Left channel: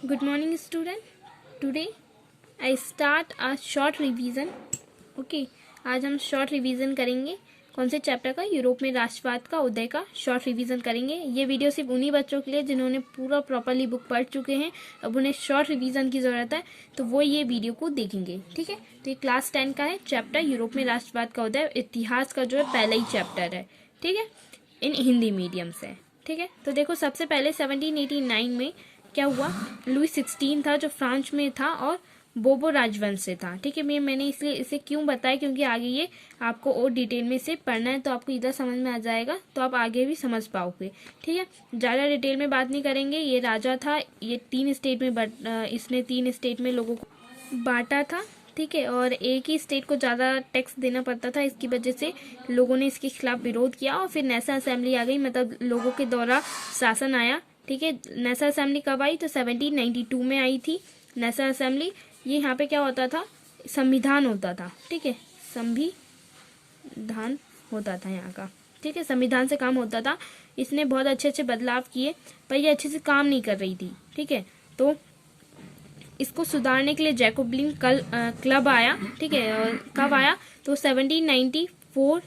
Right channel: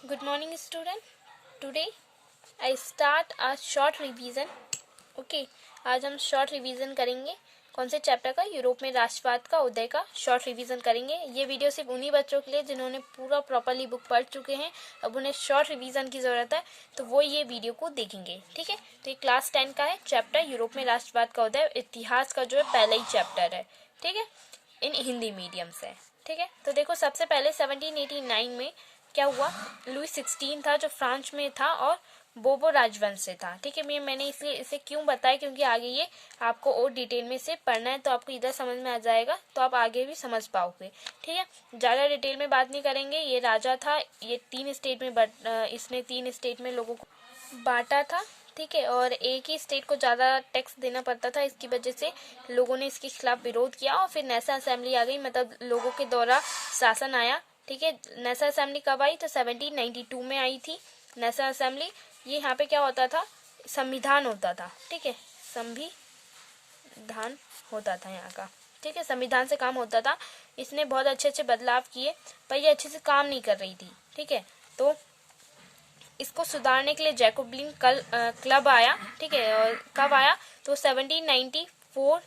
Good morning, student. Today I start a short revision. Okay, आज हम short revision करेंगे कौन से चैप्टर का? यूरोप में राष्ट्रवाद का उदय का शॉर्ट रिवीजन करेंगे। ये वीडियो सिर्फ उन्हीं बच्चों के लिए जिन्होंने पूरा प्रॉपरली बुक पढ़ चुके हैं, अब उन्हें शॉर्ट रिवीजन की ज़रूरत है, तो वो ये वीडियो को देखेंगे। ठीक है, तो ये क्लास 10 का है चैप्टर यूरोप में राष्ट्रवाद का उदय, इतिहास का जो है पहला ही चैप्टर है। ठीक है, इन हिंदी मीडियम से। ठीक है, तो देखो सबसे पहले 1789 में क्या हुआ? लुई 16 था जो फ्रांस में था और बोबो राजवंश से था। ठीक है, मैंने इसलिए इसे क्यों बताया, क्योंकि आगे ये आपको और डिटेल में से पढ़ना है, तो आपको इधर समझ में आ जाएगा, तो आप आगे भी समझ पाओगे। ठीक है, ज़्यादा डिटेल में बात नहीं करेंगे। ये राजा था, ये इसने 3 स्टेट में लोगों को बांटा था। ठीक है, और एक ही स्टेट को ज़्यादा टैक्स देना पड़ता था, इसकी वजह से लोगों ने इसके खिलाफ विरोध किया और फिर नेशनल असेंबली आ गई, मतलब लोगों के द्वारा शासन आया। ठीक है, नेशनल असेंबली कब आई? तो 1792 में आई थी नेशनल असेंबली। ये यहाँ पे क्या होता था? संविधान होता था। ठीक है, संविधान होता था यहाँ का। ठीक है, संविधान से काम होता था। इसने बहुत अच्छे अच्छे बदलाव किए, पर ये अच्छे से काम नहीं कर रही थी। ठीक है, तो इसको सुधारने के लिए जैकोबिन क्लब आया। ठीक है, और कब आया? तो 1794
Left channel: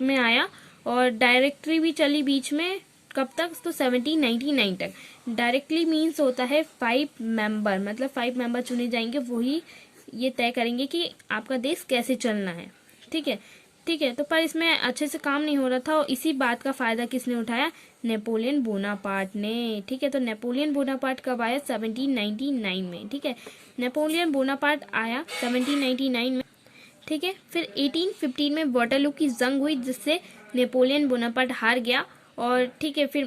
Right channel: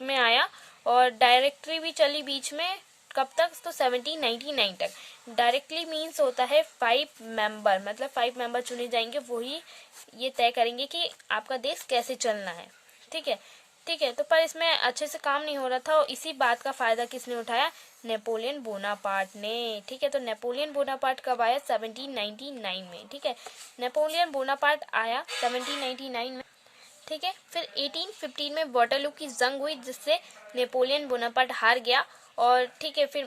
में आया, और डायरेक्टरी भी चली बीच में। कब तक? तो 1799 तक। डायरेक्टली मीन्स होता है 5 मेंबर, मतलब 5 मेंबर चुने जाएंगे, वही ये तय करेंगे कि आपका देश कैसे चलना है। ठीक है, ठीक है, तो पर इसमें अच्छे से काम नहीं हो रहा था, और इसी बात का फायदा किसने उठाया? नेपोलियन बोनापार्ट ने। ठीक है, तो नेपोलियन बोनापार्ट कब आया? 1799 में। ठीक है, नेपोलियन बोनापार्ट आया 1799 में। ठीक है, फिर 1815 में वाटरलू की जंग हुई, जिससे नेपोलियन बोनापार्ट हार गया। और ठीक है, फिर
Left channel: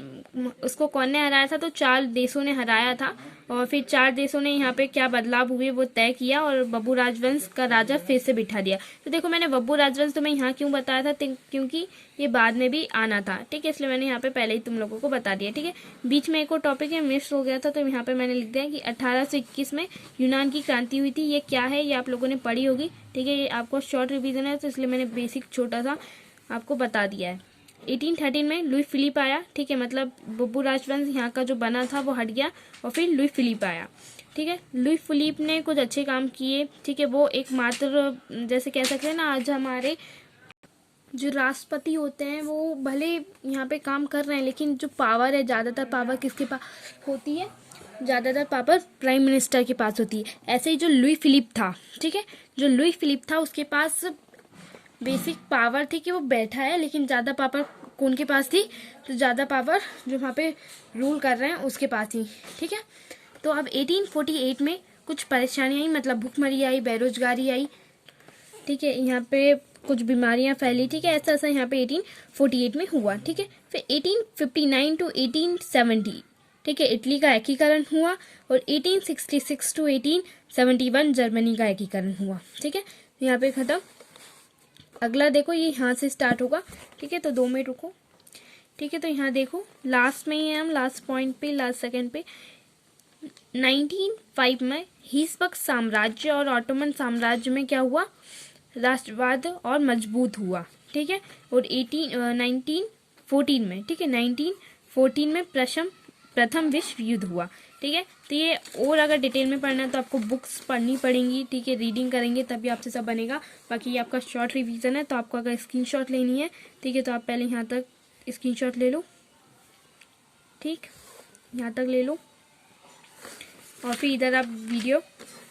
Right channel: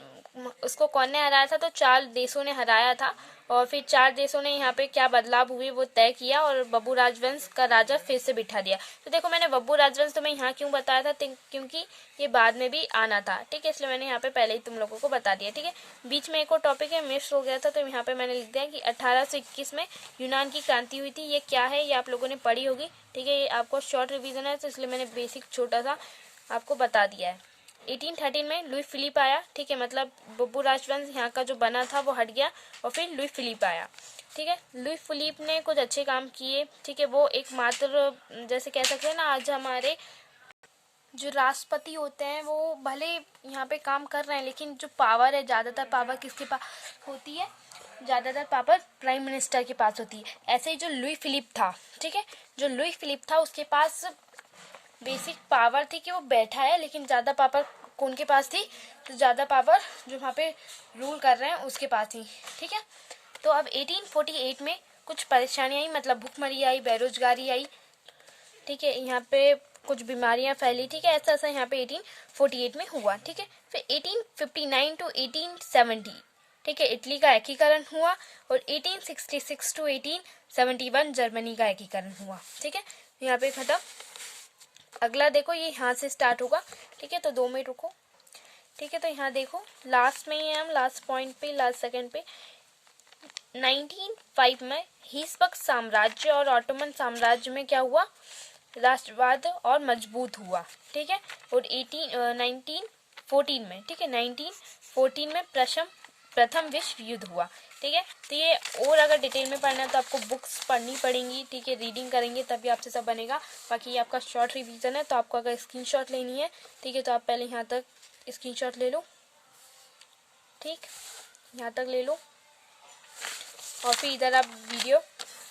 उसको कौन ने हराया था? तो 4 देशों ने हराया था, और फिर 4 देशों ने यहाँ पे क्या बदलाव हुए वो तय किया, और बब्बू राजवंश का राजा फिर से बिठा दिया। तो देखो, मैंने बब्बू राजवंश तुम्हें यहाँ क्यों बताया था? क्योंकि ये बाद में भी आना था। ठीक है, इसलिए मैंने यहाँ पे पहले ही तुम लोगों को बता दिया। ठीक है, बीच में एक और टॉपिक है, मिस हो गया था, तो यहाँ पे मैंने लिख दिया कि 1821 में यूनान की क्रांति हुई थी। ये क्या है, ये आप लोगों ने पढ़ी होगी। ठीक है, ये आपको शॉर्ट रिवीजन है, तो इसलिए मैंने बेसिक छोटा सा आपको बता दिया है। 1813 में लुई फिलिप आया। ठीक है, मतलब बब्बू राजवंश यहाँ का जो बना था वो हट गया, और फिर लुई फिलिप आया। ठीक है, लुई फिलिप ने कुछ अच्छे काम किए। ठीक है, वो एकमात्र, जैसे कह सकते हैं ना, आज हमारे जो राष्ट्रपति होते हैं वो भले यहाँ पे काम कर रहे हैं, लेकिन जो पावर है, ज़्यादातर पावर किसके पास होती है? ज़्यादातर पावर प्राइम मिनिस्टर के पास होती है। ऐसे ही जो लुई फिलिप था, ठीक है, जो लुई फिलिप था उसके पास बेसिक पावर थी कि वो बैठा है, लेकिन ज़्यादा पावर कौन के पास थी? तो ज़्यादा पावर जो वहाँ पे रूल कर रहे हैं उसके पास थी। ठीक है, तो अब 1848 में कुछ परेशानियाँ आई, मतलब भुखमरी आई, बेरोजगारी आई। ठीक है, यहाँ पे कुछ बीमारियां फैली। ठीक है, ऐसा ऐसा यहाँ पे 1848 में हुआ। ठीक है, फिर 1859 टू 1870, ठीक है, इटली का एकीकरण हुआ, और 1866 टू 1871 जर्मनी का एकीकरण हुआ। ठीक है, यहाँ पे खत्म। अगला देखो, ये यहाँ से स्टार्ट होगा। ठीक है, तो 2 मिनट रुको। ठीक है, तो यहाँ देखो लास्ट में ही है हम, लास्ट पॉइंट पे, लास्ट सेकंड पे। 1905 में हिस्पक साम्राज्य और ऑटोमन साम्राज्य में क्या हुआ? राष्ट्रवाद और मजबूत हुआ। ठीक है, और 1914 में, ठीक है, 1914 में प्रथम विश्व युद्ध हुआ। ठीक है, तो ये और अगर डिटेल में पढ़ना है तो आपको बुक्स पढ़नी पड़ेंगी। ठीक है, रीडिंग करेंगे तभी आपसे सब बनेगा। बाकी ये आपका शॉर्ट रिवीजन है, तो आपको अगर स्क्रीनशॉट लेनी है, ठीक है, तो आप पहले यहाँ तक स्क्रीनशॉट ले लो। ठीक, यहाँ तक ले लो, और फिर इधर आप वीडियो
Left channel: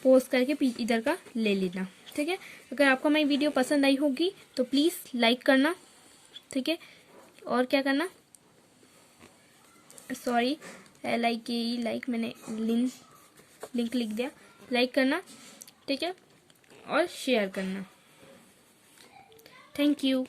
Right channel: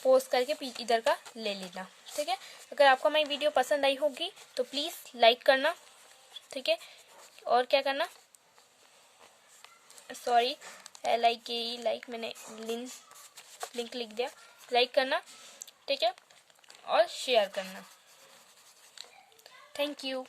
पोस्ट करके इधर का ले लेना। ठीक है, अगर आपको हमारी वीडियो पसंद आई होगी तो प्लीज़ लाइक करना। ठीक है, और क्या करना? सॉरी, लाइक मैंने लिंक लिख दिया। लाइक करना, ठीक है, और शेयर करना। Thank you.